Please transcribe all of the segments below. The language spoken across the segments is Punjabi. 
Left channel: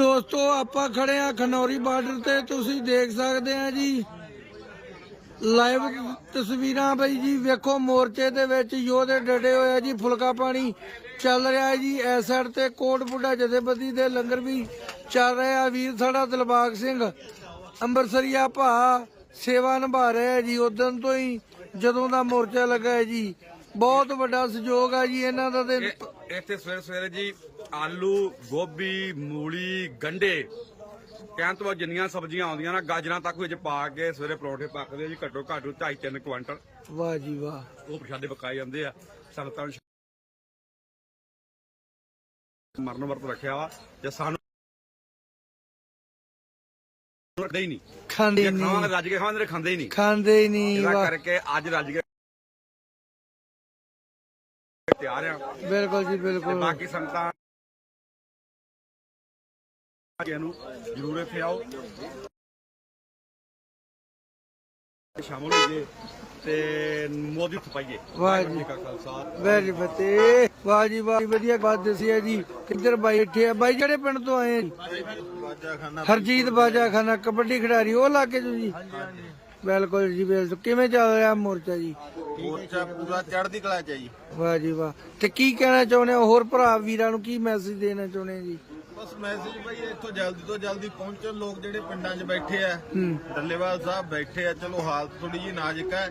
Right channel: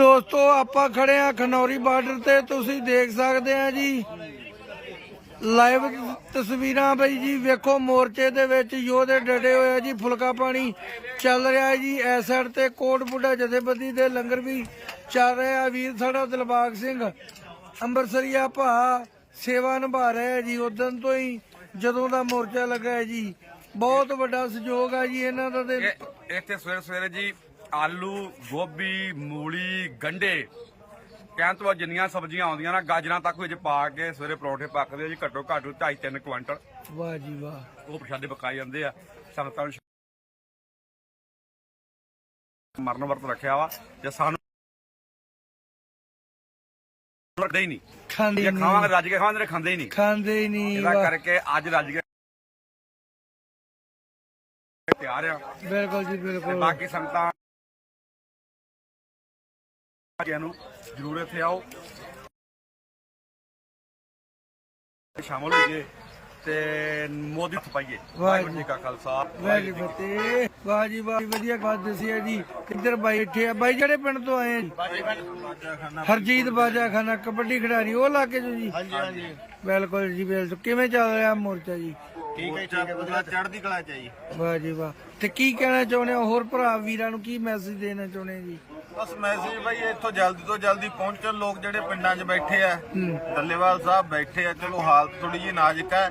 ਦੋਸਤੋ, ਆਪਾਂ ਖੜੇ ਆ ਖਨੌਰੀ ਬਾਰਡਰ ਤੇ। ਤੁਸੀਂ ਦੇਖ ਸਕਦੇ ਆ ਜੀ। ਲਾਈਵ ਤਸਵੀਰਾਂ ਬਈ ਜੀ, ਵੇਖੋ ਮੋਰਚੇ ਦੇ ਵਿੱਚ ਯੋਧੇ ਡਟੇ ਹੋਏ ਆ ਜੀ, ਫੁਲਕਾ ਪਾਣੀ ਚੱਲ ਰਿਹਾ ਜੀ। ਐਸ ਸਾਈਡ ਤੇ ਕੋਟ ਬੁੱਢਾ ਜਥੇਬੰਦੀ ਦੇ ਲੰਗਰ ਵੀ ਚੱਲ ਰਿਹਾ ਵੀਰ ਸਾਡਾ ਦਿਲਬਾਗ ਸਿੰਘ, ਅੰਮ੍ਰਿਤਸਰੀਆ ਭਾ ਸੇਵਾ ਨਿਭਾ ਰਿਹਾ ਹੈ ਜੀ। ਉਦੋਂ ਤੋਂ ਹੀ ਜਦੋਂ ਦਾ ਮੋਰਚਾ ਲੱਗਾ ਹੈ ਜੀ। ਬਹੁਤ ਵੱਡਾ ਸਹਿਯੋਗ ਆ ਜੀ ਇਹਨਾਂ ਦਾ ਤੇ। ਇੱਥੇ ਸਵੇਰੇ ਸਵੇਰੇ ਜੀ ਆਲੂ ਗੋਭੀ ਮੂਲੀ ਗੰਡੇ ਕਹਿਣ ਤੋਂ ਬਾਅਦ ਜਿੰਨੀਆਂ ਸਬਜ਼ੀਆਂ ਆਉਂਦੀਆਂ ਨਾ ਗਾਜਰਾਂ ਤੱਕ ਵਿੱਚ ਪਾ ਕੇ ਸਵੇਰੇ ਪਰੌਂਠੇ ਪੱਕਦੇ ਆ ਜੀ ਘੱਟੋ ਘੱਟ 2.5 3 ਕੁਇੰਟਲ। ਵਾਹ ਜੀ ਵਾਹ। ਉਹ ਪ੍ਰਸ਼ਾਦੇ ਪਕਾਏ ਜਾਂਦੇ ਆ। ਸੰਗਤਾਂ ਨੂੰ ਮਰਨ ਵਰਤ ਰੱਖਿਆ ਵਾ ਜੇ ਸਾਨੂੰ ਰੱਖਦੇ ਹੀ ਨਹੀਂ। ਖਾਂਦੇ ਜੇ ਖਾਵਾਂਗੇ ਨਹੀਂ ਰੱਜ ਕੇ ਖਾਵਾਂਗੇ ਖਾਂਦੇ ਹੀ ਨਹੀਂ। ਖਾਂਦੇ ਹੀ ਨਹੀਂ ਇਹਦਾ ਕਰਕੇ ਅੱਜ ਰੱਜ ਕੇ ਤਿਆਰ ਆ। ਬਿਲਕੁਲ ਜੀ ਬਿਲਕੁਲ। ਬਾਕੀ ਸੰਗਤਾਂ ਜੀ ਨੂੰ ਜਰੂਰ ਇੱਥੇ ਆਓ। ਸ਼ਾਮਲ ਹੋਈਏ ਤੇ ਮੋਦੀ ਥਪਾਈਏ ਵਾਹਿਗੁਰੂ ਜੀ ਕਾ ਖਾਲਸਾ। ਵੈਰੀ ਫਤਿਹ। ਵਾਹ ਜੀ ਵਾਹ ਵਧੀਆ ਬਾਤ ਦੱਸੀ ਹੈ ਜੀ। ਕਿੱਧਰ ਬਾਈ ਬੈਠੇ ਆ? ਬਾਈ ਜਿਹੜੇ ਪਿੰਡ ਤੋਂ ਆਏ ਆ ਜੀ? ਹਰਜੀਤ ਬਾਜਾ ਖਾਨਾ ਕਬੱਡੀ ਖਿਡਾਰੀ ਉਹ ਇਲਾਕੇ ਚੋਂ ਜੀ? ਬਿਲਕੁਲ ਜੀ ਬਿਲਕੁਲ। ਕਿਵੇਂ ਚੱਲ ਰਿਹਾ ਮੋਰਚਾ ਜੀ? ਠੀਕ ਹੈ ਠੀਕ ਹੈ ਵਧੀਆ। ਚੜ੍ਹਦੀ ਕਲਾ ਚ ਹੈ ਜੀ। ਵਾਹ ਜੀ ਵਾਹ। ਤੇ ਕੀ ਕਹਿਣਾ ਚਾਹੁੰਦੇ ਹੋ? ਹੋਰ ਭਰਾ ਵੀਰਾਂ ਨੂੰ ਕੀ ਮੈਸੇਜ ਦੇਣਾ ਚਾਹੁੰਦੇ ਆ ਜੀ? ਬਸ ਮੈਸੇਜ ਭਾਈ ਇੱਥੋਂ ਜਲਦੀ ਤੋਂ ਜਲਦੀ ਪਹੁੰਚਣ। ਲੋਕ ਜਿਹੜੇ ਪਿੰਡਾਂ 'ਚ ਬੈਠੇ ਆ ਡੱਲੇਵਾਲ ਸਾਹਿਬ ਬੈਠੇ ਆ ਚਲੋ ਹਾਲਤ ਥੋੜੀ ਜਿਹੀ ਨਾਜ਼ੁਕ ਹੈ।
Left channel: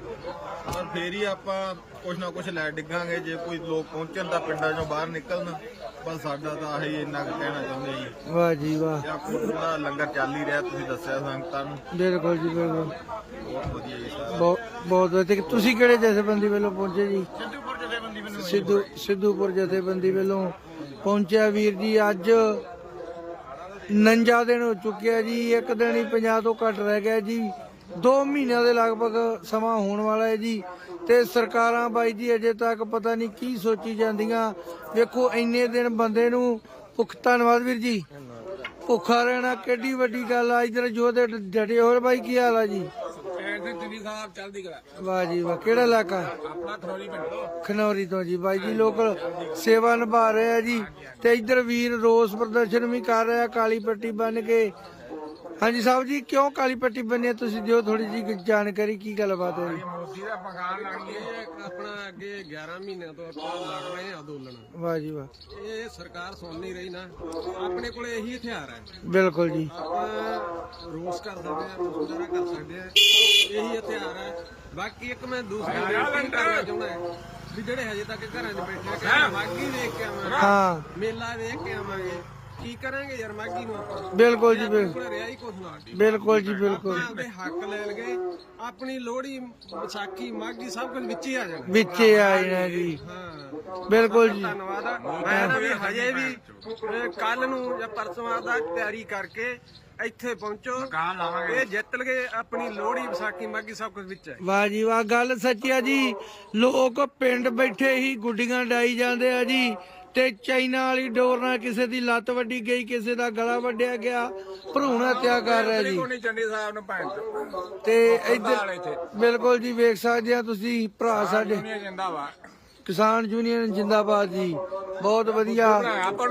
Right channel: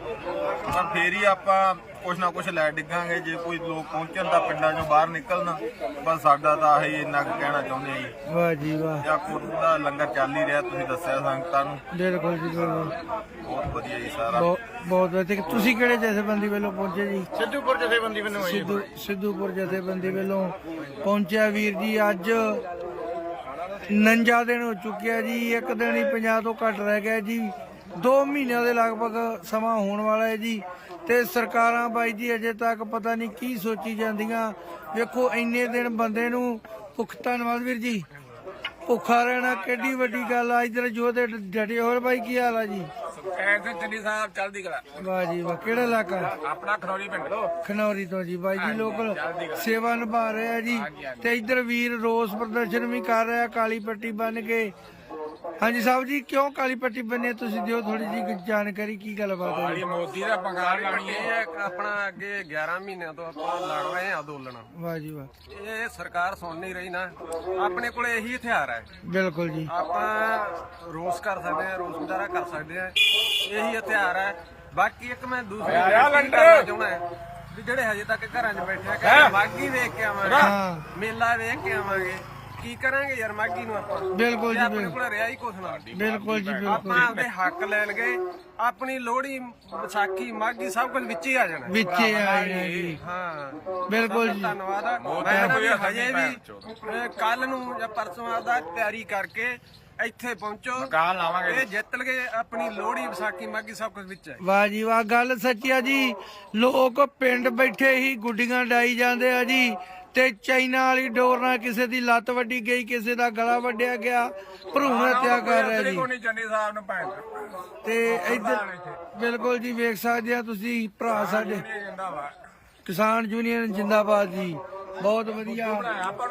ਪਰ ਫੇਰ ਹੀ ਆਪਾਂ ਕੁਛ ਨਾ ਕੁਛ ਲੈ ਡਿੱਗਾਂਗੇ। ਜੇ ਕੋਈ ਲੋਕ ਪਹੁੰਚਣ ਤਾਂ ਪਿੰਡਾਂ 'ਚੋਂ ਬਾਹਰ ਨਿਕਲਣ। ਬਸ ਸਾਡਾ ਤਾਂ ਆਹੀ ਇੰਨਾ ਕੁ ਕਹਿਣਾ ਚਾਹੁੰਦੇ ਆ ਜੀ। ਵਾਹ ਜੀ ਵਾਹ। ਜਾਂ ਕੋਟੂ ਦਾ ਲੰਗਰ ਚੱਲ ਹੀ ਰਿਹਾ ਤੁਸੀਂ ਦੱਸਿਆ ਸੰਗਤਾਂ ਨੂੰ। ਬਿਲਕੁਲ ਜੀ ਬਿਲਕੁਲ। ਬਹੁਤ ਵਧੀਆ ਜੀ ਸਾਰਾ। ਬਹੁਤ ਬਹੁਤ ਵਧੀਆ। ਤੁਸੀਂ ਕਿਹੜੇ ਜਥੇਬੰਦੀ ਵੱਲੋਂ ਪਹੁੰਚੇ ਜੀ? ਸਿੱਧੂਪੁਰ ਜਥੇਬੰਦੀ ਮੈਨੂੰ ਸਿੱਧੂ ਸਿੱਧੂਪੁਰ ਜਥੇਬੰਦੀ ਵੱਲੋਂ ਪਹੁੰਚਿਆ ਵੀਰ ਜੀ, ਅੱਜ ਨੰਜਾ ਦਿਨ ਹੋ ਚੁੱਕਿਆ ਜੀ, ਇੱਕ ਦਿਨ ਹੀ 50 ਤੋਂ ਘੱਟ ਰਹਿ ਗਿਆ ਜੀ। 2 ਮਹੀਨਿਆਂ ਦੇ ਲਗਭਗ ਸਮਾਂ ਹੋਣ ਵਾਲਾ ਹੈ ਜੀ। ਤੇ ਸਰਕਾਰਾਂ ਬਾਈ ਜੀ, ਅਜੇ ਤੱਕ ਪਤਾ ਨਹੀਂ ਕੀ ਸੋਚੀ ਜਾਂਦੀਆਂ। ਵੇਖੋ, ਇੰਨੇ ਦਿਨ ਬੰਦੇ ਨੂੰ ਭੁੱਖ ਧੰਨਵਾਦ ਵੀਰ ਜੀ। ਭੁੱਖਾ ਰਹਿਣਾ ਕਿੱਡੀ ਵੱਡੀ ਗੱਲ ਆ ਇਧਰ ਜੋਧੇ ਡਟੇ ਹੋਰ ਬਾਈ ਕੀ ਹਾਲ ਆ ਜੀ? ਐਸੇ ਚੰਡੀ ਸਾਹਿਬ ਚਲਦੀ ਕਲਾ। ਵਾਹ ਜੀ ਵਾਹ ਕਿਹੜਾ ਇਲਾਕਾ? ਆਪਣਾ ਖਰੋਰੀ ਪਿੰਡ। ਖਨੌਰੀ ਤੋਂ ਜੀ ਬਾਈ ਜੀ ਲੋਕਲ ਸੇਵਾ ਨਿਭਾ ਰਹੇ ਆ ਜੀ ਤੇ ਇੱਧਰ ਵੀਰ ਰੋਸ ਪ੍ਰਦਰਸ਼ਨ ਵੀ ਕਰ ਰਿਹਾ ਕਾਲੀ ਪੱਟੀ ਬੰਨ ਕੇ। ਹਾਂਜੀ ਸਾਹਿਬ ਜੀ ਕਿਉਂ ਕਾਲੀ ਪੱਟੀ ਬੰਨੇ ਤੁਸੀਂ? ਦਿਓ ਥੋੜੀ ਜੀ ਜਾਣਕਾਰੀ ਕੀ ਗੱਲਬਾਤ ਹੈ? ਜੀ ਮੋਦੀ ਦਾ ਬੰਗਾਲ ਬਣੀ ਹੈ ਆਪਣਾ ਅੱਗੇ 11 ਮਹੀਨਿਆਂ ਤੋਂ ਆਪਾਂ ਲੜ ਰਹੇ ਹਾਂ ਅੰਦੋਲਨ। ਵਾਹ ਜੀ ਵਾਹ। ਇਹ ਸਰਕਾਰ ਸੁਣ ਨਹੀਂ ਰਹੀ ਨਾ। ਆਪਣੇ ਕੋਲੇ ਇਹੀ ਹਥਿਆਰ ਹੈ। ਬਿਲਕੁਲ ਜੀ। ਆਪਾਂ ਰੋਸ ਕਰ ਸਕਦੇ ਹਾਂ ਰੋਸ ਮੁਜ਼ਾਹਰਾ ਕਰ ਸਕਦੇ ਹਾਂ। ਇਹੀ ਹਥਿਆਰ ਹੈ। ਬਾਕੀ ਇੱਕ ਮੈਂ ਦੂਸਰੀ ਬੇਨਤੀ ਕਰਨਾ ਚਾਹੁੰਦਾ ਹਾਂ ਵੀ ਜਿਹੜੇ ਹਜੇ ਤੱਕ ਘਰਾਂ 'ਚ ਬੈਠੇ ਆ ਕਹਿੰਦੇ ਮਾਗੀ ਵੇਖ ਕੇ ਆਵਾਂਗੇ ਹਾਂ। ਮੇਲਾ ਵੇਖ ਕੇ ਆਵਾਂਗੇ। ਕੀ ਕਰਾਂਗੇ ਯਾਰ ਮਾਗੀ ਨੂੰ ਆਪਾਂ? ਬਿਲਕੁਲ ਜੀ ਆਪਣੇ ਬਿਲਕੁਲ। ਕੋਲ ਰਿਹਾ ਹੀ ਕੁਛ ਨਾ। ਬਿਲਕੁਲ ਜੀ ਬਿਲਕੁਲ। ਆਪਾਂ ਆਪਦੇ ਹੱਕ ਲੈਣ ਗਏ ਆਪਣੀ ਲੋਹੜੀ ਵਿਸਾਖੀ ਮਾਘੀ ਸਭ ਕੁਝ ਵਿੱਚ ਹੀ ਆ ਜਾਣਾ। ਵਿੱਚੇ ਆਏ ਨਾ ਜੀ। ਹਾਂ। ਬਿਲਕੁਲ ਜੀ। ਧੰਨਵਾਦ। ਆ। ਮੈਂ ਨਾ ਵੀ ਹਜੇ ਵੀ ਕੱਲ ਨੂੰ ਜਾਂ ਪਰਸੋਂ ਦਾ ਤਿਆਰੀ ਕਰਕੇ ਇੱਥੇ ਪਹੁੰਚੋ। ਇਹ ਜਿੱਤ ਲਗੇ ਆਪਣੀ ਲੋਹੜੀ ਵਿਸਾਖੀ ਮਾਘੀ ਸਭ ਕੁਝ ਵਿੱਚ। ਹੈ ਵਾਹ ਜੀ ਵਾਹ। ਗੱਲ ਸੱਚੀ ਆ ਜੀ ਲੋਕ ਪਿੰਡ ਬੈਠੇ ਹੀ ਗੁੱਡੀਆਂ ਡਾਈ ਜਾਂਦੇ ਆ ਜੀ। ਤੇ ਚਾਈਨਾ ਵਾਲੀ ਡੋਰ ਨਾਲ ਕਿਸੇ ਦੀ ਲੱਤ ਵੱਡੀ ਗਈ ਕਿਸੇ ਦਾ ਗਲਾ ਵੱਢਿਆ ਗਿਆ ਭਰੂਣ ਹੱਤਿਆ ਕਰ ਰਿਹਾ ਜੀ। ਕੋਣੀ ਚੰਡੀ ਸਾਹਿਬ ਨੂੰ ਭੈਣ ਤੇ ਇੱਧਰ ਬਿਲਕੁਲ ਜੀ ਵੇਖ ਸਕਦੇ ਆ ਤੁਸੀਂ ਭਰਾ ਸਾਡੇ। ਕਿਸਾਨ ਯੂਨੀਅਨ ਜਿੰਦਾਬਾਦ ਜੀ। ਬਹੁਤ ਵਧੀਆ।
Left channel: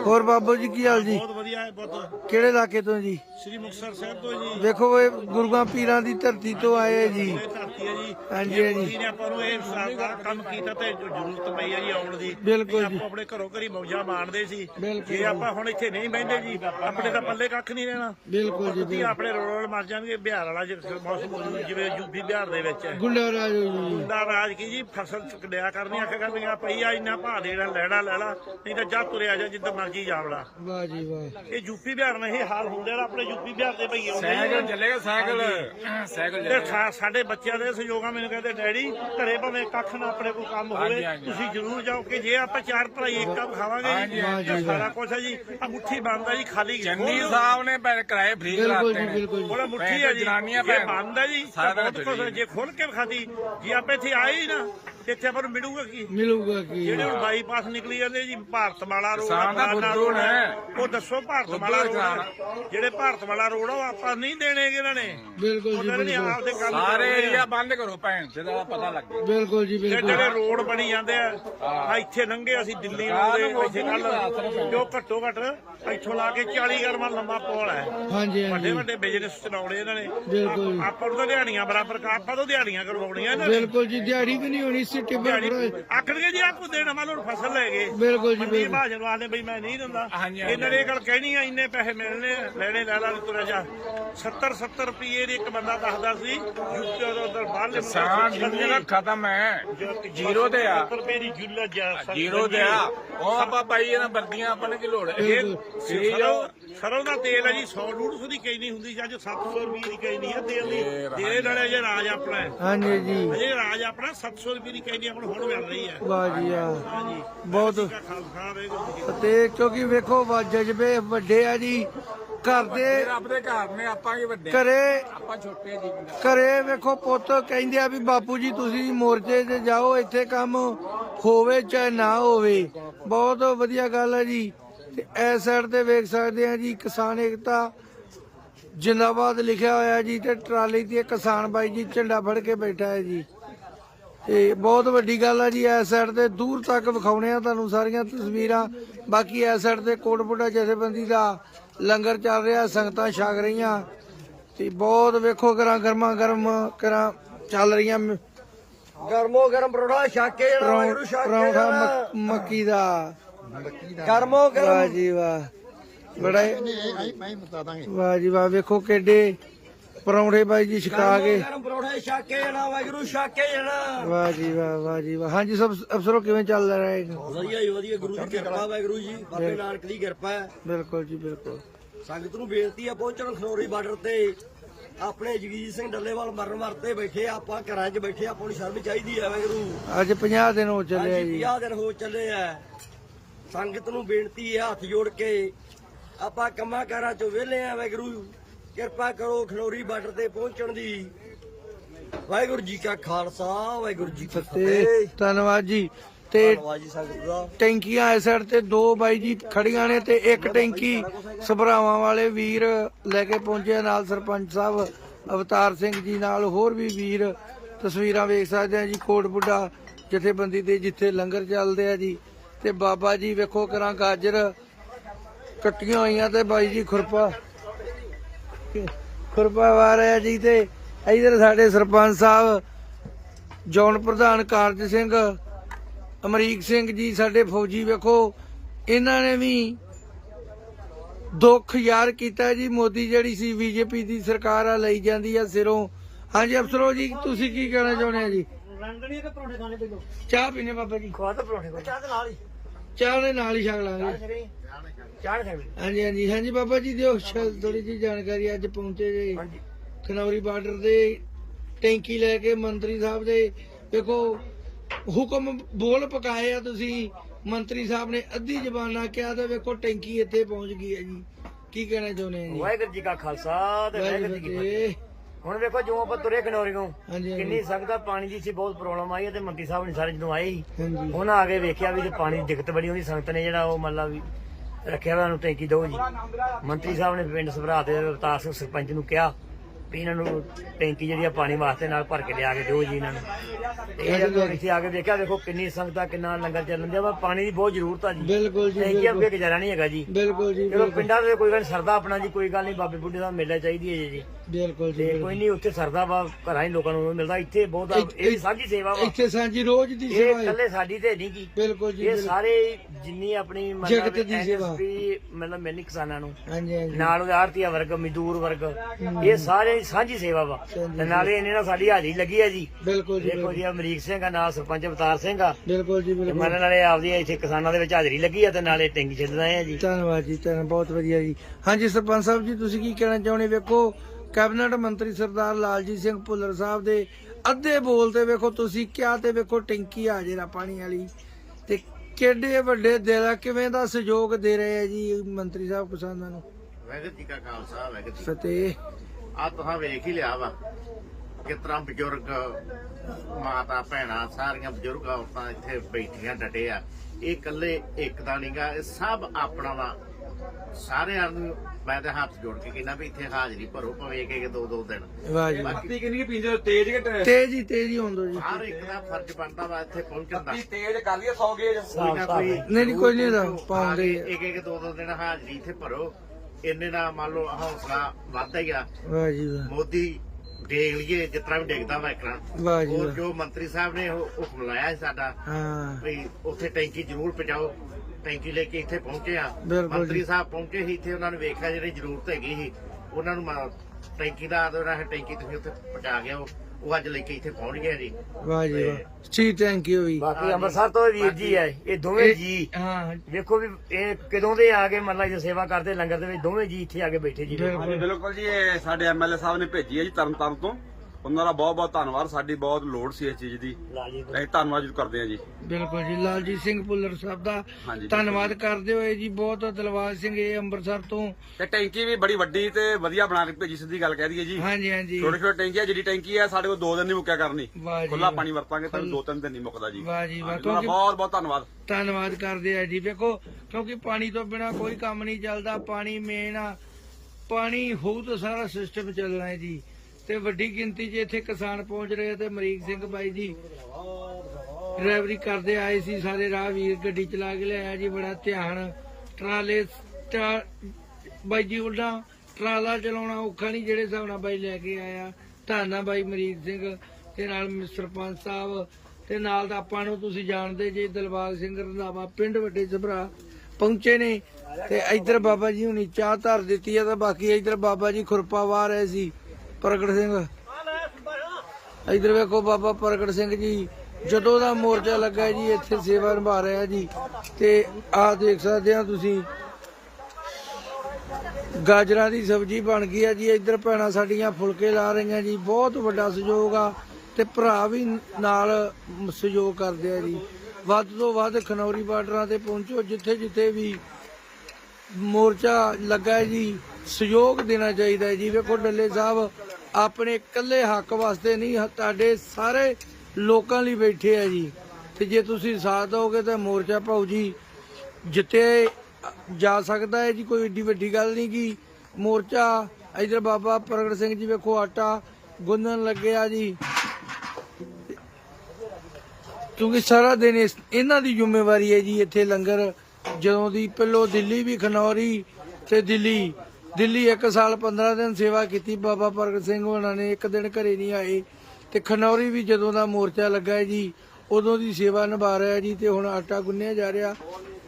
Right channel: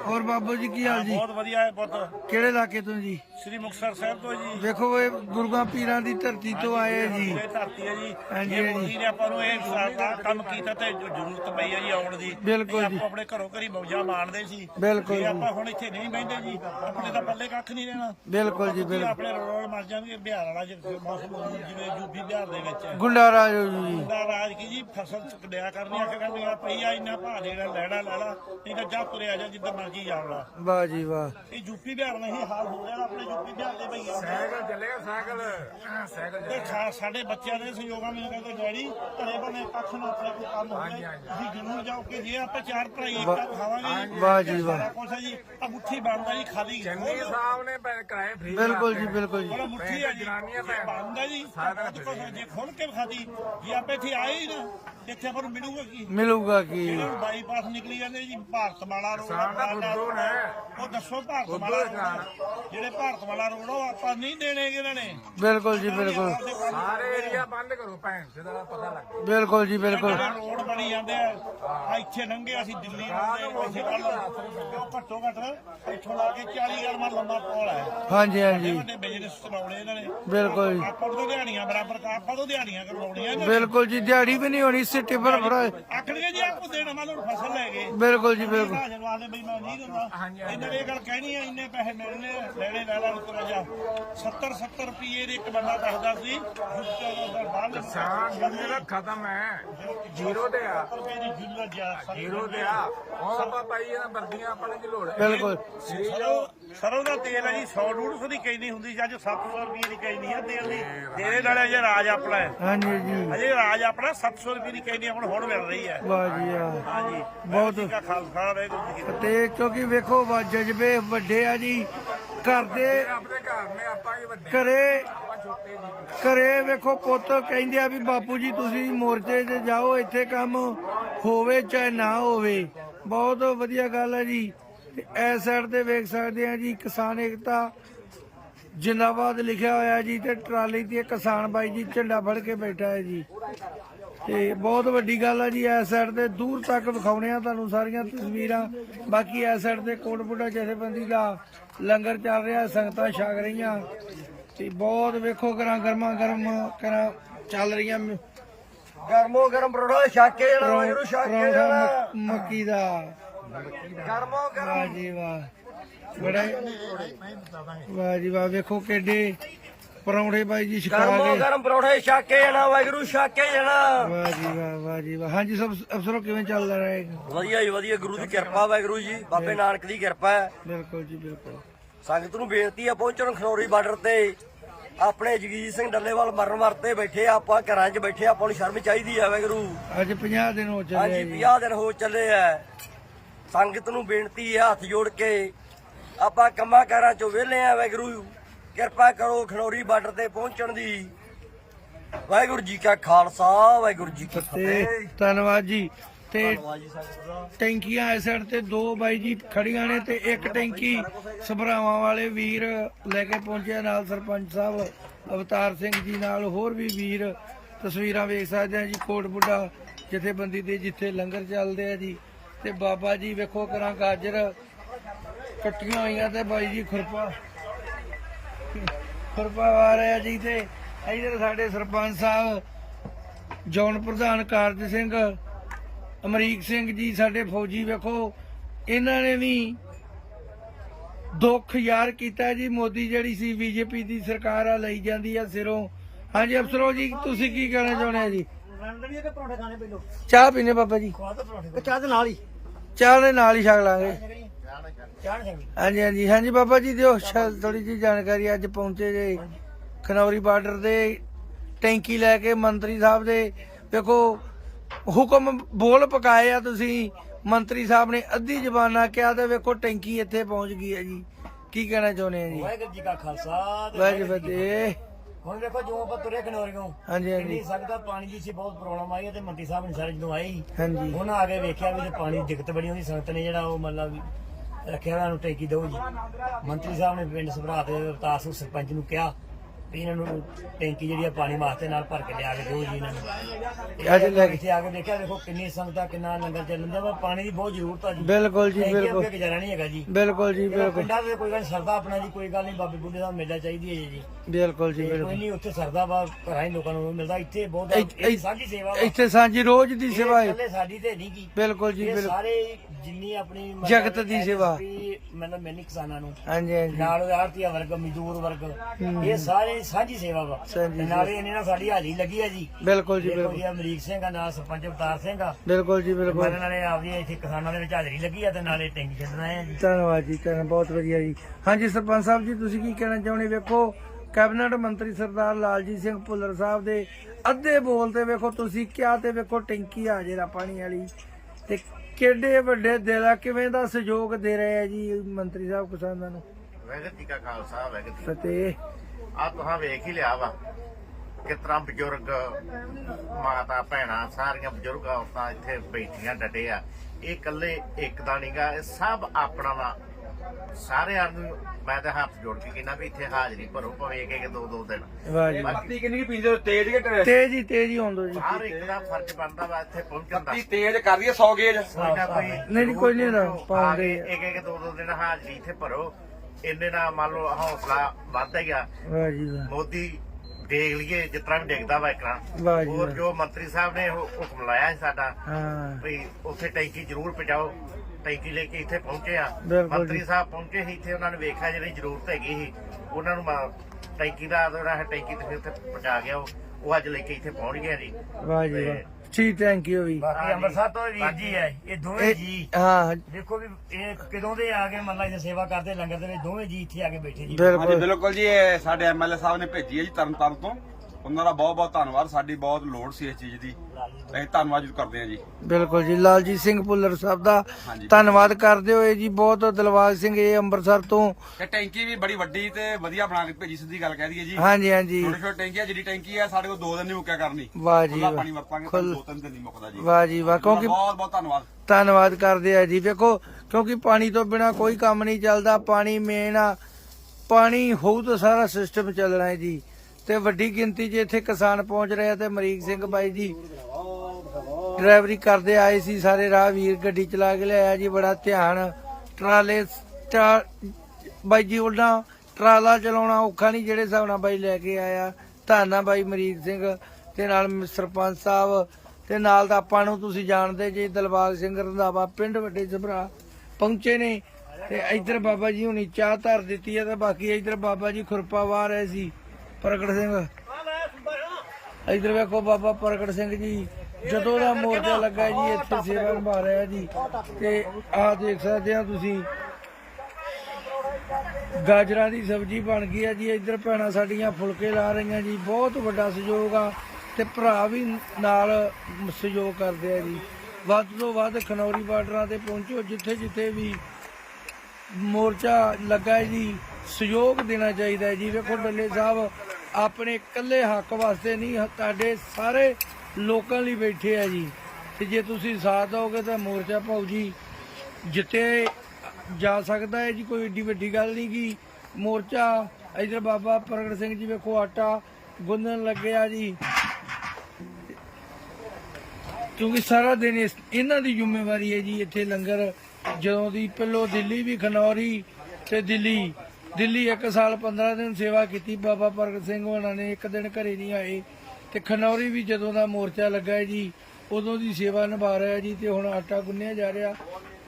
ਹੋਰ ਬਾਬੂ ਜੀ ਕੀ ਹਾਲ ਜੀ? ਬਹੁਤ ਵਧੀਆ ਹੈ ਪੁੱਤ ਕਿਹੜੇ ਇਲਾਕੇ ਤੋਂ ਜੀ? ਸ੍ਰੀ ਮੁਕਤਸਰ ਸਾਹਿਬ ਤੋਂ ਜੀ। ਵੇਖੋ ਇਹ ਗੁਰੂਆਂ ਪੀਰਾਂ ਦੀ ਧਰਤੀ ਤੋਂ ਆਏ ਆ ਜੀ ਇਹ ਧਰਤੀ ਹੈ ਜੀ। ਹਾਂਜੀ, ਜੇ ਹਾਂਜੀ। ਮੋਦੀ ਨੇ ਆਪਾਂ ਨੂੰ ਇਹ ਸਾਰਾ ਕੰਮ ਕੀਤਾ ਤੇ ਜੋ ਜ਼ਰੂਰਤ ਪਈ ਹੈ ਜੀ ਆਉਣ ਦੀ। ਬਿਲਕੁਲ ਇਹ ਜੀ। ਆਪੋ ਆਪਣੇ ਘਰੋਂ ਘਰੀ ਮੌਜਾਂ ਮਾਣਦੇ ਸੀ। ਬਿਲਕੁਲ ਜੇ ਆਪਾਂ ਹੁਣ ਇੱਥੇ ਨਹੀਂ ਬਹਿੰਦੇ ਜੀ ਆਪਣੇ ਤਾਂ ਪੱਲੇ ਕੱਖ ਨਹੀਂ ਰਹਿਣਾ। ਬਿਲਕੁਲ ਜੀ ਤੁਸੀਂ ਬਿਲਕੁਲ। ਆਪਣੇ ਰੋਲ ਰੋਲ ਮਰ ਜਾਣਗੇ ਬਿਹਾਰ ਵਾਲਾ ਜਿਹਾ ਮੌਸਮ ਹੋ ਜੂ ਜਿਵੇਂ ਯੂਪੀ ਬਿਹਾਰ ਦੇ ਵਿੱਚ ਹੈ। ਗੁੰਡਾ ਰਾਜ ਜੀ ਦਾ ਰਾਜ ਕੀ ਜੀ ਫਸਲ ਚੁਕੜਿਆ ਕਰਨੀ ਆਖੇਗਾ ਵੀ ਆ ਪਈ ਆ ਇੰਨਾ ਭਾਅ ਦੇਣਾ ਲੈਣਾ ਲੈ ਲਾ ਨਹੀਂ ਤਾਂ ਜਾ ਤੁਰਿਆ ਜਾ ਜਿੱਦਾਂ ਮਰਜ਼ੀ ਜਾਵੜਾ ਵਾਹ ਜੀ ਵਾਹ। ਇਹ ਯੂਪੀ ਬਿਹਾਰ ਨਾਲ ਇਹ ਹਾਲ ਹੁੰਦਾ ਨਾ ਆਪਣੇ ਯੂਪੀ ਬਿਹਾਰ ਦੇ ਭਈ ਆਉਂਦੇ ਨੇ ਚੱਲੇਗਾ ਸਾਈਕਲ। ਸਾਈਕਲ ਤੇ ਖਾ- ਸਾਡੇ ਬੱਚਿਆਂ ਦੇ ਸਹਿਯੋਗਾਂ ਮੈਨੂੰ ਕਹਿੰਦੇ ਡੈਡੀ ਘਰੇ ਭਾਵੇਂ ਕੱਖ ਨਾ ਆਪਣੇ ਕੋਈ ਕੰਮ ਹੋਵੇ ਤੁਸੀਂ ਜ਼ਰੂਰ ਜਾਓ ਕਿ ਜੇ ਆਪਾਂ ਚਾਰ ਭਰਾਈ ਇੱਕ ਕੱਪ ਖਾਵਾਂਗੇ ਜੀ ਵਾਹ ਤੇ ਜੀ ਵਾਹ। ਸਾਰਾ ਕੁਝ ਹੈ ਜੀ। ਆ ਮੁੱਠੀ ਬੰਦ ਆ ਜੀ ਖਾਲੀ ਚੰਡੀ ਸਾਹਿਬ ਨੇ ਭੈਣ ਕਰਾਏ ਫ੍ਰੀ ਬਿਲਕੁਲ ਜੀ ਬਿਲਕੁਲ ਜੀ। ਉਹਦਾ ਮੁੱਠੀ ਹੈ ਜੀ। ਜਨਾਨੀਆਂ ਜੇ ਬੰਦ ਹੈ ਜੀ ਤਾਂ ਬਹੁਤ ਕੁਝ ਹੈ। ਜੇ ਖੋਲ ਕੇ ਖਾਦੀ ਜੇ ਆਪੇ ਇੱਥੇ ਆਏ ਹੀ ਨਾ ਇੱਥੇ ਨੂੰ ਮਿਲੂਗਾ ਕੀ? ਮਿਲੂਗਾ ਕੀ? ਜਿਹੜੇ ਹੁਣ ਬਾਈਪਾਸ ਨਿਕਲੀ ਜਾਂਦੇ ਜੀ ਭਾਰਤਮਾਲਾ ਰੋਡ ਆ ਫਲਾਨਾ ਰੋਡ ਹੈ। ਉਹ ਦੱਸੋ ਭਾਰਤਮਾਲਾ ਰੋਡ ਜਿਹੜੇ ਭਾਰਤਮਾਲਾ ਰੋਡ ਆ ਉਹ ਆਪਾਂ ਨਹੀਂ ਦੇਣੇਗੇ ਇਹਨਾਂ ਨੇ। ਬਿਲਕੁਲ ਜੀ ਬਿਲਕੁਲ। ਸਾਰੇ ਬੰਦ ਕਰੋ ਭੈਣ ਤੇ ਦਾ ਪਤਾ ਲੱਗੇ ਬਿਲਕੁਲ ਜੀ ਜਿਹੜੇ ਬਿਲਕੁਲ। ਰੋਡ ਬਣੀ ਜਾਂਦੇ ਆ ਆ ਇੱਥੇ ਲੰਘੇ ਅਸੀਂ ਦਿੱਲੀ ਨੂੰ ਦੇ ਇੱਥੇ ਕੱਲ ਜੋ ਘੱਟੋ ਘੱਟ ਇੱਥੋਂ ਲਾ ਕੇ 40 ਗਰਮਾ ਲੰਮਾ ਪੁਲ ਹੈ। ਹਾਂਜੀ ਵੱਡੇ ਹਾਂਜੀ। ਵੱਡੇ ਬਿਜ਼ਨਸ ਚਲਾਉਣੇ ਇਹਨਾਂ ਨੇ। ਬਿਲਕੁਲ। ਜੀ ਆਪਾਂ ਨੂੰ ਤਾਂ ਦਿਹਾੜੀਆਂ ਬਰਾਬਰ ਕਰ ਆਪਾਂ ਤੋਂ ਦਿਹਾੜੀਆਂ ਕਰਵਾਉਣੀਆਂ ਇਹਨਾਂ ਨੇ। ਬਿਲਕੁਲ ਜੀ ਦਿਹਾੜੀ ਵੀ ਨਹੀਂ ਹੋਣੀ ਸਿੱਟੇ ਪਰ ਫੜਾ ਆਖਣਗੇ ਜੀ ਆਪਕੋ ਦੇਣਾ ਲਓ ਫਸਲ ਲੈ ਗਏ। ਬਿਲਕੁਲ ਜੀ ਬਿਲਕੁਲ। ਭਾਜਨ ਵਾਲੇ ਬਈ ਮੈਂ ਨਹੀਂ ਦਿੰਦਾ। ਇਹਨਾਂ ਨੇ ਇਹ ਗੱਲ ਕਹਿਣੀ ਆ ਇੰਨੇ ਪੈਸੇ ਮਿਲਨੇ ਆ, ਲੈਣੇ ਲੈ ਲਾ ਤੁਰਿਆ ਜਾ 70 70 ਰੁਪਏ ਦੇ ਇੱਕ ਬੰਦਾ ਦੱਸਦਾ ਸੀ ਯੂਪੀ ਦਾ ਉਧਰ ਬਾਹਰਲੇ ਮੁਲਕ ਖਤਮ ਹੈ ਜ਼ੀਰੋ ਤੇ ਆ। 70 ਰੁਪਏ ਦੀ ਜੁੱਲਾ ਜਾ ਜ਼ੀਰੋ ਤੇ ਆ। ਉਹ ਆਪਾਂ ਪਾਈ ਇਹਨਾਂ ਵਰਦੀਆਂ ਆਪਾਂ ਨੂੰ ਕੀ ਲੋੜ ਹੈ? ਬਿਲਕੁਲ। ਸਰੋਂ ਸਰੋਂ ਦਾ ਤੇਲ ਹੈ ਜੀ 100 150 ਦੀ ਕਈ ਨਹੀਂ ਹੁੰਦੀ ਅੱਜ 700 ਰੁਪਏ ਦੀ ਕਈ ਨਹੀਂ ਹੈ ਤੇਲ ਦੀ। ਤੇਲ ਨਾਲੇ ਜੇ ਰਾਜ ਆਪਣਾ ਹੈ। ਹਾਂਜੀ ਜੀ। ਅਜੇ ਰਾਜ ਆਪਣਾ 700 ਰੁਪਏ ਦੀ ਕਈ ਨਹੀਂ ਆਪਾਂ ਨੂੰ ਹੁਣ ਮਿਲ ਰਹੀ ਹੈ। ਵਾਹ ਜੀ ਵਾਹ। ਹਾਂਜੀ। ਬਹੁਤ- ਖਾਲਸਾ ਵਾਹਿਗੁਰੂ ਜੀ। ਤੇ ਕਿਉਂਕਿ ਵੇਖੋ ਜਜ਼ਬੇ ਵੱਡੇ ਆ ਜੀ। ਘਰ ਦੇ ਆਪਣੇ ਘਰ ਨੇ ਆਪਾਂ ਕੀ ਵੱਡੇ ਘਰੇ ਆਪਾਂ ਛੋਟੇ ਜੀ। ਘਰੇ ਵੇਖੋ ਪੁੱਤ ਕਹਿੰਦੇ ਆ ਵੀ ਬਾਪੂ ਜੀ ਤੁਸੀਂ ਮੋਰਚੇ 'ਤੇ ਜਾਓ ਇੱਥੇ ਕੰਮ ਹੋਵੇ ਚਾਹੇ ਨਾ ਹੋਵੇ। ਬਹੁਤ ਵਧੀਆ ਗੱਲ ਹੈ ਜੀ। ਤੇ ਇਸ ਸਾਈਡ ਤੇ ਵੇਖ ਸਕਦੇ ਆ ਜੀ, ਕਿਸਾਨ ਏਕਤਾ ਜਿੰਦਾਬਾਦ ਲਿਖਿਆ ਹੋਇਆ ਜੀ ਤੇ ਟਰਾਲੀ ਤੇ ਕਿਸਾਨ ਬਾਈ ਜੀ ਝੰਡਾ ਫੜ ਕੇ ਬੈਠਾ ਹੈ ਜੀ। ਤੇ ਬਹੁਤ ਵੱਡੀ ਗੱਲ ਹੈ ਜੀ, ਇਸ ਸਾਈਡ ਤੇ ਦੂਰ ਤੱਕ ਵਿਖਾਉਣੇ ਆ ਤੁਹਾਨੂੰ ਸਾਰੀਆਂ ਤਸਵੀਰਾਂ। ਬਾਕੀ ਇਸ ਸਾਈਡ ਤੇ ਕੋਟਬੁੱਢਾ ਜਥੇਬੰਦੀ ਦਾ ਲੰਗਰ ਚੱਲ ਰਿਹਾ, ਸੰਗਤਾਂ ਛਕ ਰਹੀਆਂ। ਤੇ ਬਹੁਤ ਵੇਖੋ ਕਰਾਂ ਗਰਮਾ ਗਰਮ ਕਰਾਂ ਚੱਲ ਰਹੀਆਂ ਗਰਮੋ ਗਰਮ ਪਰੋਠਾ ਛੱਕ ਕੇ ਜਾਣਾ ਪਰੌਂ- ਵਾਹਿਗੁਰੂ ਛੱਕ ਕੇ ਪਰੌਂਠਾ ਜਾਣਾ। ਮੱਕ- ਮੱਕੀ ਦਾ। ਗਰਮੋ ਵਾਹ ਗਰਮ ਜੀ ਵਾਹ। ਬੜਾ ਵਾਹ ਜੀ ਵਾਹ ਵੇਖੋ ਕਿੱਡੇ ਪਰੌਂਠੇ ਬਾਈ ਜੀ ਛਕਾ ਗਰਮੋ ਕੇ। ਗਰਮ ਪਰੋਠਾ ਛੱਕ ਕੇ ਜਾਣਾ ਵਾਹਿਗੁਰੂ ਛੱਕ ਕੇ ਜਾਣਾ। ਵਾਹ ਜੀ ਵਾਹ ਵਾਹ ਜੀ ਵਾਹ। ਹਾਂਜੀ ਸਭ ਅਫਸਰੋ ਕਿਵੇਂ ਚੱਲ ਰਿਹਾ ਹੈ ਵਧੀਆ ਜੀ ਵਧੀਆ। ਗੁਰੂ ਦੀ ਕਿਰਪਾ ਵਾਹਿਗੁਰੂ ਜੀ। ਬਾਬੇ ਨਾਨਕ ਦੀ ਕਿਰਪਾ ਹੈ। ਬਿਲਕੁਲ ਜੀ ਬਿਲਕੁਲ। ਸੰਗਤ ਨੂੰ ਬੇਨਤੀ ਆ ਪਹੁੰਚਣ ਖਨੌਰੀ ਬਾਰਡਰ ਤੇ। ਆਪਣੇ ਜਗਜੀਤ ਸਿੰਘ ਡੱਲੇਵਾਲ ਮਰਨ ਮਰਤੇ ਬੈਠੇ ਆ, ਆਪਾਂ ਘਰਾਂ 'ਚ ਬੈਠੇ ਆ, ਆਪਾਂ ਨੂੰ ਸ਼ਰਮ ਚਾਹੀਦੀ ਆ ਵਾਹਿਗੁਰੂ। ਅੱਜ 50 ਦਿਨ ਹੋ ਚੱਲੇ ਆ ਹਾਂਜੀ ਜੀ। 50 ਦਿਨ ਹੋ ਚੱਲੇ ਆ। ਸੰਗਤ ਨੂੰ ਬੇਨਤੀ ਆ ਹੱਥ ਜੋੜ ਕੇ ਆਪਾਂ ਕੰਮਾਂ ਕਾਰਾਂ 'ਚੋਂ ਵਿਹਲੇ ਆ ਵਾਹਿਗੁਰੂ। ਕਿਰਪਾ ਕਰੋ ਖਨੌਰੀ ਬਾਰਡਰ ਤੇ ਪਹੁੰਚਣ ਦੀ। ਵਾਹਿਗੁਰੂ ਜੀ ਕਾ ਖਾਲਸਾ ਵਾਹਿਗੁਰੂ ਜੀ ਕੀ ਤੇ ਫਤਿਹ। ਧੰਨਵਾਦ ਜੀ। ਤੇ ਟੈਂਕੀਆਂ ਇਸ ਸਾਈਡ ਤੇ ਦੋ ਬਾਈ ਜੀ ਖੜੀਆਂ ਨੇ ਤੇ ਇੱਕ ਟੈਂਕੀ ਸਭਰਾਵਾਂ ਵਾਲੇ ਵੀਰ ਲੈ ਕੇ ਪਹੁੰਚੇ ਨਾਲ ਸਰਪੰਚ ਸਾਹਿਬ ਅਵਤਾਰ ਸਿੰਘ ਜੀ ਨਾਲ, ਹੋਰ ਵੀ ਵੀਰ ਤਸਵੀਰਾਂ ਵੇਖ ਸਕਦੇ ਆ ਜੀ, ਕੋਟ ਬੁੱਢਾ ਜਥੇਬੰਦੀ ਦੇ ਜਿੱਥੇ ਲੰਗਰ ਚੱਲਦੇ ਆ ਜੀ। ਤੇ ਬਾਬਾ ਜੀ ਵੇਖੋ ਕਰਾਂ ਗਾਜਰ ਕੱਟੀਆਂ ਹੋਈਆਂ ਤੇ ਬਾਈ ਜੀ ਖੁਰਪਾ ਖੁਰਪਾ ਵਾਰ ਜੀ ਤੇ ਇਧਰ ਸਾਡੇ ਸਰਪੰਚ ਸਾਹਿਬ, ਜੌਨ ਪ੍ਰਧਾਨ ਕਾਰਜ ਸਿੰਘ ਅਮਰੀਕ ਸਿੰਘ ਜੀ ਸਾਡੇ ਫੌਜੀ ਵੇਖੋ ਇਹਨਾਂ ਨੇ ਵੀ ਦੁੱਖ ਯਾਰ ਕੀਤਾ ਜੀ। ਮੋਦੀ ਜਿਹੜੀ ਸੀ ਬੀਜੇਪੀ ਦੀ ਸਰਕਾਰ ਆ ਲਈ ਜਾਂਦੀ ਆ ਸਿਰੋਂ। ਹਾਂਜੀ ਅਫਸਰੋ ਜੀ ਤੁਸੀਂ ਕੀ ਕਹਿਣਾ ਚਾਹੁੰਦੇ ਆ ਜੀ? ਚਾਹ ਪੀਨੇ ਬਾਬਾ ਜੀ। ਚਾਹ ਦੇ ਨਾਲ ਹੀ ਚਾਹ ਦੇ ਨਾਲ ਹੀ ਛਕ ਲਾਂਗੇ। ਹਾਂਜੀ ਹਾਂਜੀ। ਹਾਂਜੀ ਬਾਬਾ ਜੀ ਦਿਓ ਥੋੜੀ ਜੀ ਜਾਣਕਾਰੀ। ਅੱਜ ਪਹੁੰਚੇ ਜੇ ਖਨੌਰੀ ਬਾਰਡਰ ਦੇ ਟੈਂਕੀ ਲੈ ਕੇ ਮੰਤਰੀ ਸਾਹਿਬ ਦੇ। ਵੇਖੋ ਹੁਕਮ ਬੋਲ ਪਕਾਏ ਆ ਤੁਸੀਂ। ਮੰਤਰੀ ਸਾਹਿਬ ਨੇ ਅੱਧੀ ਜ਼ਬਾਨਾਂ ਕਿਹਾ ਤੇ ਵੇਖੋ ਟੈਂਕੀ ਇੱਥੇ ਪਹੁੰਚ ਗਈ ਹੈ ਜੀ। ਕੀ ਕਹਿਣਾ ਚਾਹੁੰਦੇ ਆ ਜੀ? ਵਾਹਿਗੁਰੂ ਜੀ ਕਾ ਖਾਲਸਾ ਤੇ ਵਾਹਿਗੁਰੂ ਜੀ ਕੀ ਫਤਿਹ। ਹੁਣ ਵੇਖੋ ਜੋ ਆਪਾਂ ਤੁਰੇ ਖਨੌਰੀ ਤੋਂ ਹਾਂਜੀ ਕਿੰਨੀ ਸੰਗਤ ਆ, ਪਾਣੀ ਦੀ ਸੀ ਬਹੁਤ ਪ੍ਰੋਬਲਮ ਆਈ ਹੈ ਤੇ ਮੰਤਰੀ ਸਾਹਿਬ ਨੇ ਸਾਰੇ ਜਦੋਂ ਆਏ ਹਾਂਜੀ। ਉਹਨਾਂ ਆ ਕੇ ਵੇਖਿਆ ਵੀ ਤੇ ਪਾਣੀ ਦੀ ਦਿੱਕਤ ਬੜੀ ਹੁੰਦੀ ਸੰਗਤ ਨੇ ਜਿਹੜਾ ਉਹ ਮਤਲਬ ਵੀ ਰੱਖਿਆ ਹੋਇਆ ਨੂੰ ਟੈਂਕੀ ਦਿਓ ਜੀ। ਮੰਤਰੀ ਸਾਹਿਬ ਨੇ ਪਿੰਡ ਸਭਰਾ ਦੇ ਅਵਤਾਰ ਸਿੰਘ ਸਰਪੰਚ ਨੂੰ ਕਿਹਾ ਵੀ ਇਹਨਾਂ ਨੂੰ ਟੈਂਕੀ ਜਿਹੜੀ ਆ ਪਾਣੀ ਵਾਸਤੇ ਨਾਲ ਭਰ ਕੇ ਲਿਆ ਕੇ ਦਿਓ ਜੀ ਇਹਨਾਂ ਨੂੰ। ਤੇ ਅੱਜ ਲੈ ਕੇ- ਇੱਥੇ ਆ ਕੇ ਵੇਖਿਆ ਵੇਖੋ ਕਿੰਨੀ ਸੰਗਤ ਕਿੰਨਾ ਲੰਗਰ ਚੱਲਣ ਦਿਆ ਵਾ ਪਾਣੀ ਦੀ ਬਹੁਤ ਜ਼ਰੂਰਤ ਆ ਜੀ। ਬਿਲਕੁਲ ਜੀ ਟੈਂਕੀ ਅੱਗੇ ਬਿਲਕੁਲ ਗੁਜ਼ਾਰਾ ਨਹੀਂ ਹੈਗਾ ਜੀ। ਬਿਲਕੁਲ ਜੀ ਬਿਲਕੁਲ। ਪਿੰਡਾਂ ਦੇ ਕੋਈ ਗੱਲ ਸਰਦਾ ਆਪਣਾ ਜੀ ਕੋਈ ਗੱਲ ਨਹੀਂ ਬਾਬੇ ਬੁੱਢੇ ਦਾ ਮੇਲਾ ਚਾਹੀਦੀ ਹੈ ਜੀ। ਬਿਲਕੁਲ ਜੀ ਕੋਈ ਬਿਲਕੁਲ। ਨਹੀਂ ਉੱਥੇ ਸਰਦਾ ਵਾ ਘਰਾਂ ਹੀ ਲੋਕਾਂ ਨੂੰ ਮਿਲਦਾ। ਇੱਥੇ ਬਹੁਤ ਇਹ ਸਾਂਝੀ ਸੇਵਾ ਵਾ। ਇੱਥੇ ਸਾਂਝੀ ਰੋਜ਼ ਦੀ ਸੇਵਾ ਹੈ। ਇਕੱਲੇ ਸਾਡੀ ਤੇ ਨਹੀਂ ਕੀ ਬਿਲਕੁਲ ਜੀ ਇਹ ਬਿਲਕੁਲ। ਸਾਰੇ ਜਿੰਨੀ ਆਪਣੀ ਜਗਤ ਦੀ ਸੇਵਾ। ਮਤਲਬ ਮਿਲਣੀ ਕਿਸਾਨਾਂ ਨੂੰ। ਹਾਂਜੀ ਹਾਂਜੀ। ਨਾਲ ਆੜਤੀਆ ਵਰਗ ਮਜ਼ਦੂਰ ਵਰਗ। ਇਹ ਸਾਰੇ ਸਾਂਝੀ ਸੇਵਾ ਵਾ। ਸਾਂਝੀ ਤੇ ਨਾਲੇ ਇਹਨਾਂ ਨਾਲ ਸਾਡੀ ਹਾਜ਼ਰੀ ਲੱਗੀ ਹੈ ਜੀ। ਬਿਲਕੁਲ ਜੀ ਦੇਖੋ ਬਿਲਕੁਲ। ਜੀ ਅਮਰੀਕ ਸਿੰਘ ਆ ਨਾਲ ਸਰਪੰਚ ਅਵਤਾਰ ਸਿੰਘ ਆ। ਬਿਲਕੁਲ ਜੀ ਬਿਲਕੁਲ। ਇਹਨਾਂ ਨਾਲੇ ਆਪਦੀਆਂ ਇੱਥੇ ਕਿਸਾਨਾਂ ਦੇ ਵਿੱਚ ਹਾਜ਼ਰੀ ਲੱਗੀ ਆ ਤੇ ਨਾਲੇ ਟੈਂਕੀ ਛੱਡਣਾ ਹੈ ਜੀ। ਧੰਨਵਾਦ ਜੀ ਧੰਨਵਾਦ ਬਹੁਤ ਵਧੀਆ ਜੀ। ਹਾਂਜੀ ਸਰਪੰਚ ਸਾਹਿਬ ਜੀ ਤੁਸੀਂ ਕੀ ਕਹਿਣਾ ਚਾਹੁੰਦੇ? ਵੇਖੋ ਕੈਬਨਿਟ ਮੰਤਰੀ ਸਰਦਾਰ ਲਾਲਜੀਤ ਸਿੰਘ ਭੁੱਲਰ ਸਾਹਿਬ ਦੇ ਅੱਧੇ ਬੋਲ ਤੇ ਵੇਖੋ ਤੁਸੀਂ ਕਿਹਾ ਤੇ ਵੇਖੋ ਟੈਂਕੀ ਹਾਜ਼ਰ ਆ ਪਾਣੀ ਵਾਲੀ। ਤੇ ਕਿੱਡੇ ਵੱਡੇ ਦਿਲ ਆ ਕਿਵੇਂ ਦਾ ਸਹਿਯੋਗ ਦੇ ਰਹੇ ਆ ਜੀ ਮੰਤਰੀ ਸਾਹਿਬ ਕਿਸਾਨਾਂ ਨੂੰ? ਜੀ ਕਾ ਖਾਲਸਾ ਵਾਹਿਗੁਰੂ ਫਤਿਹ। ਆ ਤੁਹਾਂ ਵੇਖ ਹੀ ਲਿਆ ਵਾ ਜਿਸ ਤਰ੍ਹਾਂ ਬਜ਼ੁਰਗ ਮਾਤਾ ਭੈਣਾਂ ਸਾਰੀਆਂ ਬਜ਼ੁਰਗ ਔਰਤਾਂ ਇੱਥੇ ਬੈਠੀਆਂ ਡਟੇ ਆ। ਇਹ ਇਕੱਲੇ ਇੱਕ ਦਾ ਨਹੀਂਗਾ ਇਹ ਸਭ ਆਪਣਾ ਵਾ। ਸਾਰਿਆਂ ਨੂੰ ਮੈਂ ਤਾਂ ਹੱਥ ਜੋੜ ਕੇ ਕਹਿੰਦਾ ਵੀ ਇੱਥੇ ਹਾਜ਼ਰੀ ਭਰੋ ਭਾਵੇਂ ਇੱਕ ਇੱਕ ਦੋ ਦੋ ਦਿਨ। ਵਾਹ ਜੀ। ਬੱਤੀ ਕਿੰਨੀ ਪੀਂਦੇ ਤੇਜ਼ ਕਿ ਢਿੱਲੇ? ਤੇਜ਼ ਹੀ ਤੇਜ਼ ਹੀ ਹੁੰਦੋ ਜੀ। ਹਰ ਇੱਕ ਦਾ ਫਰਜ਼ ਬਣਦਾ ਵਾ ਇੱਥੇ ਪਹੁੰਚਣ ਦਾ। ਤੇਜ਼ ਕਰ ਦਈਏ 100 ਗੇਜ। ਨਹੀਂ, ਨਹੀਂ, ਕੋਈ ਨਹੀਂ ਤਾਂ ਪਾਉਂਦੇ। ਇੱਕ ਇੱਕ ਦੋ ਦੋ ਦਿਨ ਹਾਜ਼ਰੀ ਇੱਥੇ ਭਰੋ। ਇੰਨੇ ਨਾਲ ਮੰਨ ਲਓ ਹੌਸਲਾ ਵੱਧਦਾ ਹੀ ਆ। ਵਾਹ ਜੀ ਵਾਹ। ਮੋਦੀ ਦੇਖ ਲਈਏ ਜਿਸ ਤਰ੍ਹਾਂ ਵੀ ਡਿੱਗਦਾ ਵਾ ਇਕਰਾਂ ਵਾਹ ਜੀ ਹੋਰ ਵਾਹ। ਜੋ ਮੰਤਰੀ ਸਾਹਿਬ ਨੇ ਉਹ ਹੁਕਮ ਲਾਇਆ ਸੀ ਸਾਡਾ ਹਾਂ। ਵੀ ਉੱਥੇ ਟੈਂਕੀ ਜ਼ਰੂਰ ਪਹੁੰਚਾਓ ਟੈਂਕੀ ਲੈ ਕੇ ਇੱਥੇ ਪਹੁੰਚੇ ਆ। ਬਿਲਕੁਲ ਮੰਤਰੀ। ਸਾਹਿਬ ਪਹੁੰਚੇ ਸੀ ਇੱਥੇ ਉਹਨਾਂ ਨੇ ਵੇਖਿਆ ਜਿਹੜੀ ਜ਼ਰੂਰਤ ਹੈਗੀ ਸੀ। ਉਹਨਾਂ ਨੂੰ ਮ- ਟੈਂਕੀ ਦਾ ਆਦਰ ਹੈ ਟੈਂਕੀ ਤੇ ਉੱਥੇ ਪਹੁੰਚਾ ਗਿਆ ਉਹ ਉਹ ਅੱਜ ਲੈ ਕੇ ਇੱਥੇ ਪਹੁੰਚ ਗਿਆ ਜੀ। ਵਾਹ ਜੀ ਵਾਹ। ਜੀ ਥੈਂਕ ਯੂ ਵੀ। ਬਾਕੀ ਅੰਮ੍ਰਿਤਸਰ ਤੋਂ ਵੀਰ ਜੀ ਹੈ ਇਹ ਦੋਵੇਂ ਜੀ। ਹਾਂ। ਦੇਖੋ ਵੀ ਇਹ ਕਦੋਂ ਦੇ ਆ ਕੇ ਮੰਨ ਲਾ ਜੇ ਸੇਵਾ ਕਰਦੇ ਲੰਗਰ ਦੇ ਵਿੱਚ। ਦੋਵੇਂ ਜੀ ਇੱਥੇ ਆ ਕੇ ਬੈਠੇ ਜੀ। ਬਿਲਕੁਲ। ਜੀ ਸਾਡੇ ਐਮਐਲਏ ਸਾਹਿਬ ਨੇ ਭੇਜੀ ਹੈ ਜੀ ਤਰਨਤਾਰਨ ਤੋਂ। ਉਹਨਾਂ ਦਾ ਬਹੁਤ ਬਹੁਤ ਧੰਨਵਾਦ ਸਾਡੀ ਬਹੁਤ ਲੋੜ ਸੀ ਇਸ ਚੀਜ਼ ਦੀ। ਅਸੀਂ ਧੰਨਵਾਦ ਜੀ ਕਰਦੇ ਹਾਂ ਜੀ। ਬਿਲਕੁਲ ਜੀ ਲਾਲਜੀਤ ਸਿੰਘ ਭੁੱਲਰ ਸਾਹਿਬ ਦਾ। ਧੰਨਵਾਦ ਕਰਦੇ ਹੋਏ ਜੀ ਬਹੁਤ ਦਿਲਵਾਜ ਸਿੰਘ ਇਹ ਅੰਮ੍ਰਿਤਸਰ ਤੋਂ। ਤੇ ਟੈਂਕੀ ਵੀ ਬੜੀ ਵੱਡੀ ਤੇ ਵਧੀਆ ਬਣਾ ਕੇ ਭੇਜੀ ਸਿੱਧੀ ਗੱਲ ਕਹਿ ਦਈਏ ਜੀ। ਹਾਂਜੀ ਹਾਂਜੀ। ਛੋਟੇ ਛੋਟੇ ਟੈਂਕੀ ਆ ਜਿਹੜੀ ਟੈਂਕੀ ਆ ਸਾਡੇ ਕੋਲ ਦੋ ਦਿਨ ਨਹੀਂ ਮੁੱਕਿਆ ਕਰਨੀ। ਖੁੱਲਾ। ਪਾਣੀ ਵਰਤਾਂਗੇ ਤਾਂ ਖੁੱਲ੍ਹਾ। ਦੋ ਤਿੰਨ ਦਿਨ ਨਹੀਂ ਮੁੱਕਦਾ ਜੀ। ਵਾਹ ਜੀ ਵਾਹ। ਕਿਉਂਕਿ ਬਹੁਤ ਬਹੁਤ ਧੰਨਵਾਦ। ਧੰਨਵਾਦ ਕਰਦੇ ਆ ਜੀ। ਵੇਖੋ ਕਿਉਂਕਿ ਪਾਣੀ ਤੋਂ ਬਿਨਾ ਕੋਈ ਕੰਮ ਨਹੀਂ ਚੱਲਦਾ ਪਾਣੀ ਮੇਨ ਆ। ਪਾਣੀ ਹੋਊ ਤਾਂ ਸਾਰਾ ਸਿਸਟਮ ਚੱਲਣਾ ਹੈ ਜੀ। ਤੇ ਵੱਡੀ ਗਿਣਤੀ 'ਚ ਇੱਥੇ ਕਿਸਾਨ ਪਹੁੰਚ ਰਹੇ ਆ ਤੇ ਮਰੀਕ ਸਿੰਘ ਬਾਈ ਜੀ ਡਰਾਈਵਰੀ ਕਰਦੇ ਆਏ ਸੀ, ਸਾਰੇ ਰਾਹ ਵੀਰ ਗੱਡੀ ਚਲਾ ਕੇ ਲਿਆਇਆ ਜੀ, ਬੜਾ ਧਿਆਨ। ਟਰਾਲੇ ਟਰਾ- ਬਾਈ ਜੀ ਉਹਨਾਂ ਟਰਾਲਾ ਚਲਾਉਣਾ ਔਖਾ ਨਹੀਂ, ਜਿਹੜੇ ਹਿਸਾਬ ਨਾਲ ਬਾਈ ਲੈ ਕੇ ਆਇਆ। ਧੰਨਾ ਬਾਈ ਮਰੀਕ ਸਿੰਘ ਤੇ ਨਾਲ ਸਰਪੰਚ ਸਾਹਿਬ ਤੇ ਨਾਲ ਦਾ ਆਪਾਂ ਨੂੰ ਤੁਸੀਂ ਜਾਣਦੇ ਜੀ ਦਿਲਬਾਗ ਸਿੰਘ ਰੰਧਾਵਾ ਪਿੰਡ ਵੱਡੇ ਸਭਰਾ ਪਹੁੰਚੇ ਨੇ ਤੇ ਇੱਧਰ ਬਾਬਾ ਜੀ ਹੁਣੀ ਚਾਹ ਧਰ ਦਿੱਤੀ ਹੈ ਤੇ ਬਾਕੀ ਇੱਧਰ ਬਾਬਾ ਜੀ ਖੁਰਪਾ ਵਾਹ ਰਹੇ ਸੀ। ਪ੍ਰਗਟ ਸਿੰਘ। ਇੱਧਰ ਵੇਖੋ ਬਾਬਾ ਪ੍ਰਗਟ ਸਿੰਘ ਜੀ, ਜਦੋਂ ਦਾ ਮੋਰਚਾ ਲੱਗਾ ਜੀ, ਇੱਥੇ ਸੇਵਾ ਨਿਭਾ ਰਿਹਾ ਜੀ। ਤੇ ਆਹ ਦੇਖ ਸਕਦੇ ਆ ਤੁਸੀਂ, ਗਾਜਰਾਂ ਦੀ ਸਬਜ਼ੀ ਬਣ ਗਈ ਆ ਜੀ, ਇੱਧਰ ਭੈਣਾਂ ਸਾਡੀਆਂ ਫੁਲਕੇ ਲਾ ਰਹੀਆਂ ਜੀ, ਬਹੁਤ ਵੱਡਾ ਸਹਿਯੋਗ ਆ, ਤੇ ਭਰਾ ਵੀ ਨਾਲ ਸਹਿਯੋਗ ਕਰਦੇ ਆ ਜੀ। ਵੱਧ ਤੋਂ ਵੱਧ ਖਨੌਰੀ ਬਾਰਡਰਾਂ ਤੇ ਪਹੁੰਚੋ, ਜਿੱਥੇ ਜਿੱਥੇ ਵੀ ਮੋਰਚਾ ਲੱਗਾ ਜੀ, ਸਹਿਯੋਗ ਦੇਣਾ ਚਾਹੀਦਾ ਜੀ। ਵੇਖੋ ਡੱਲੇ ਸਾਹਿਬ ਆਪਣੇ ਇਕੱਲੇ ਹੱਕ ਵਾਸਤੇ ਨਹੀਂ ਤੁਹਾਡੇ ਸਾਰੇ ਲੋਕਾਂ ਲਈ ਬੈਠੇ ਆ ਜੀ। ਤੇ ਜੇ ਤੁਸੀਂ ਸਾਥ ਦਿਓਗੇ ਤਾਂ ਮੋਰਚਾ ਭਾਊ ਜੀ ਜਿੱਤੇ ਜਾ ਸਕਦਾ ਹੈ ਜੀ, ਕੋਈ ਏਡੀ ਵੱਡੀ ਗੱਲ ਨਹੀਂ ਕਿ ਮੋਰਚਾ, ਇਧਰ ਬਾਬਾ ਪ੍ਰਗਟ ਸਿੰਘ ਜੀ ਵੇਖੋ ਆਟਾ ਗੁੰਨਣ ਲੱਗਿਆ ਜੀ। ਕਿਉਂਕਿ ਸਾਰਾ ਦਿਨ ਇਸ- ਇਹਨਾਂ ਦੀ ਜ਼ਿੰਮੇਵਾਰੀ ਹੈ ਜੀ, ਇੱਥੇ ਲੰਗਰ ਜਦੋਂ ਦੀ ਪਹਿਲੋਂ ਦਿੱਲੀ ਵੀ ਖਨੌਰੀ ਤੇ ਦਿੱਲੀ ਦਿੱਲੀ ਇੱਕ ਸਾਲ 15 ਦਿਨ ਸੇਵਾ ਕੀਤੀ। ਬਾਬਾ ਪ੍ਰਗਟ ਸਿੰਘ ਉਹਨਾਂ ਨੇ ਇੱਕ ਦਿਨ ਘਰੇ ਨਹੀਂ ਆਏ। ਤੇ ਖਨੌਰੀ ਵੀ ਜਦੋਂ ਦਾ ਮੋਰਚਾ ਲੱਗਾ ਹੈ ਜੀ, ਉਦੋਂ ਦੀ ਸੇਵਾ ਨਿਭਾ ਰਿਹਾ ਜੀ ਤੇ ਹੁਣ ਆਟਾ ਗੁੰਨਿਆ ਜਾ ਰਿਹਾ।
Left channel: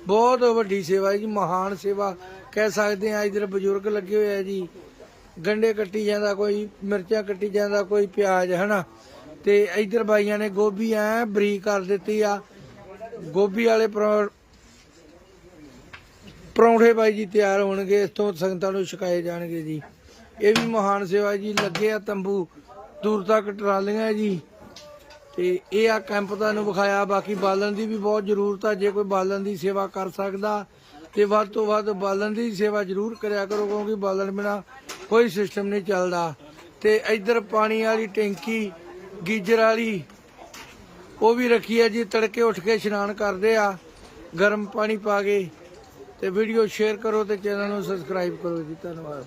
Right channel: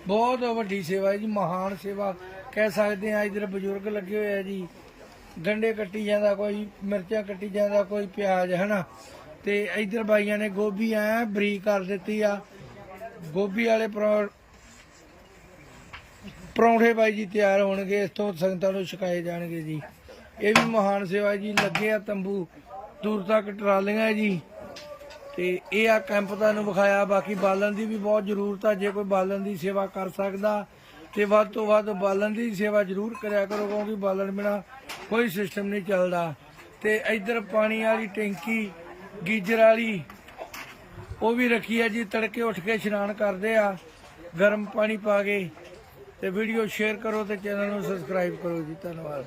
ਬਹੁਤ ਵੱਡੀ ਸੇਵਾ ਹੈ ਜੀ, ਮਹਾਨ ਸੇਵਾ। ਕਹਿ ਸਕਦੇ ਆ ਇਧਰ ਬਜ਼ੁਰਗ ਲੱਗੇ ਹੋਏ ਆ ਜੀ। ਗੰਡੇ ਕੱਟੀ ਜਾਂਦਾ ਕੋਈ, ਮਿਰਚਾਂ ਕੱਟੀ ਜਾਂਦਾ ਕੋਈ, ਪਿਆਜ਼, ਹਨਾ। ਤੇ ਇਧਰ ਬਾਈਆਂ ਨੇ ਗੋਭੀ ਐ ਬਰੀਕ ਕਰ ਦਿੱਤੀ ਆ। ਗੋਭੀ ਵਾਲੇ ਪਰੌ- ਪਰੌਂਠੇ ਬਾਈ ਜੀ ਤਿਆਰ ਹੋਣਗੇ ਇਸ ਤੋਂ ਸੰਗਤਾਂ ਨੂੰ ਛਕਾਏ ਜਾਣਗੇ ਜੀ। ਇਹ ਵੀ ਮਹਾਨ ਸੇਵਾ ਜੀ, ਲੱਗੇ ਆ ਤੰਬੂ, ਦੂਰ ਤੱਕ ਟਰਾਲੀਆਂ ਜੀ। ਤੇ ਇਹ ਆ ਕੈਂਪ ਤੁਹਾਨੂੰ ਵਿਖਾਇਆ, ਬਾਕੀ ਬਾਲਣ ਦੀ ਵੀ ਬਹੁਤ ਜ਼ਰੂਰਤ ਆ, ਜੇ ਕੋਈ ਬਾਲਣ ਦੀ ਸੇਵਾ ਕਰ ਸਕਦਾ, ਤੇ ਵੱਧ ਤੋਂ ਵੱਧ ਬਾਲਣ ਦੀ ਸੇਵਾ ਜ਼ਰੂਰ ਕਰਿਆ ਕਰੋ, ਕਿਉਂਕਿ ਬਾਲਣ ਬਿਨਾ ਕੋਈ ਸਿਸਟਮ ਨਹੀਂ ਚੱਲਦਾ। ਤੇ ਇੱਧਰ ਪਾਣੀ ਵਾਲੀ ਟੈਂਕੀ, ਗੀਜਰ ਵਾਲੀ, ਉਹ ਵੀ ਰੱਖੀ ਹੈ ਜੀ, ਤੜਕੇ ਉੱਠ ਕੇ ਇਸ਼ਨਾਨ ਕਰਦੇ ਆ, ਗਰਮ ਪਾਣੀ ਪਾ ਕੇ। ਤੇ ਵੀਡੀਓ ਸ਼ੇਅਰ ਕਰੋ ਤੇ ਚੈਨਲ ਨੂੰ ਸਬਸਕ੍ਰਾਈਬ ਕਰੋ ਜੀ ਧੰਨਵਾਦ।